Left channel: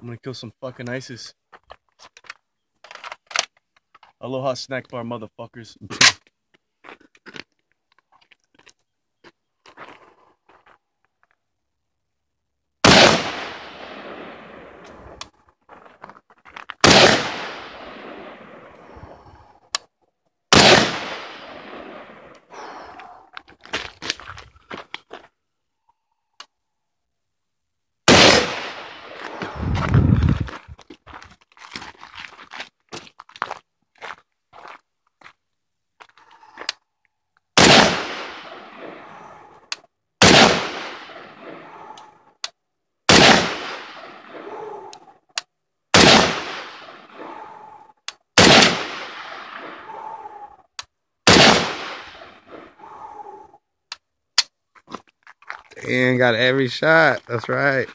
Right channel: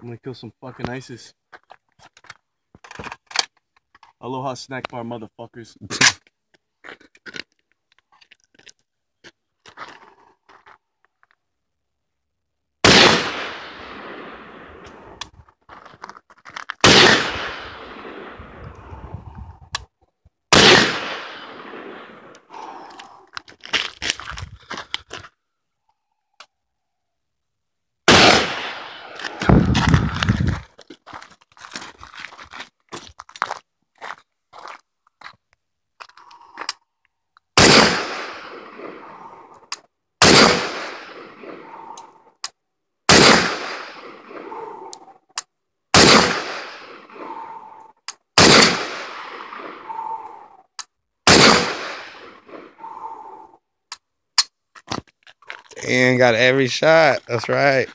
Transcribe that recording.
I'm gonna kill some fucking ISIS. Aloha snack bar, motherfuckers. And got every shot. That's right.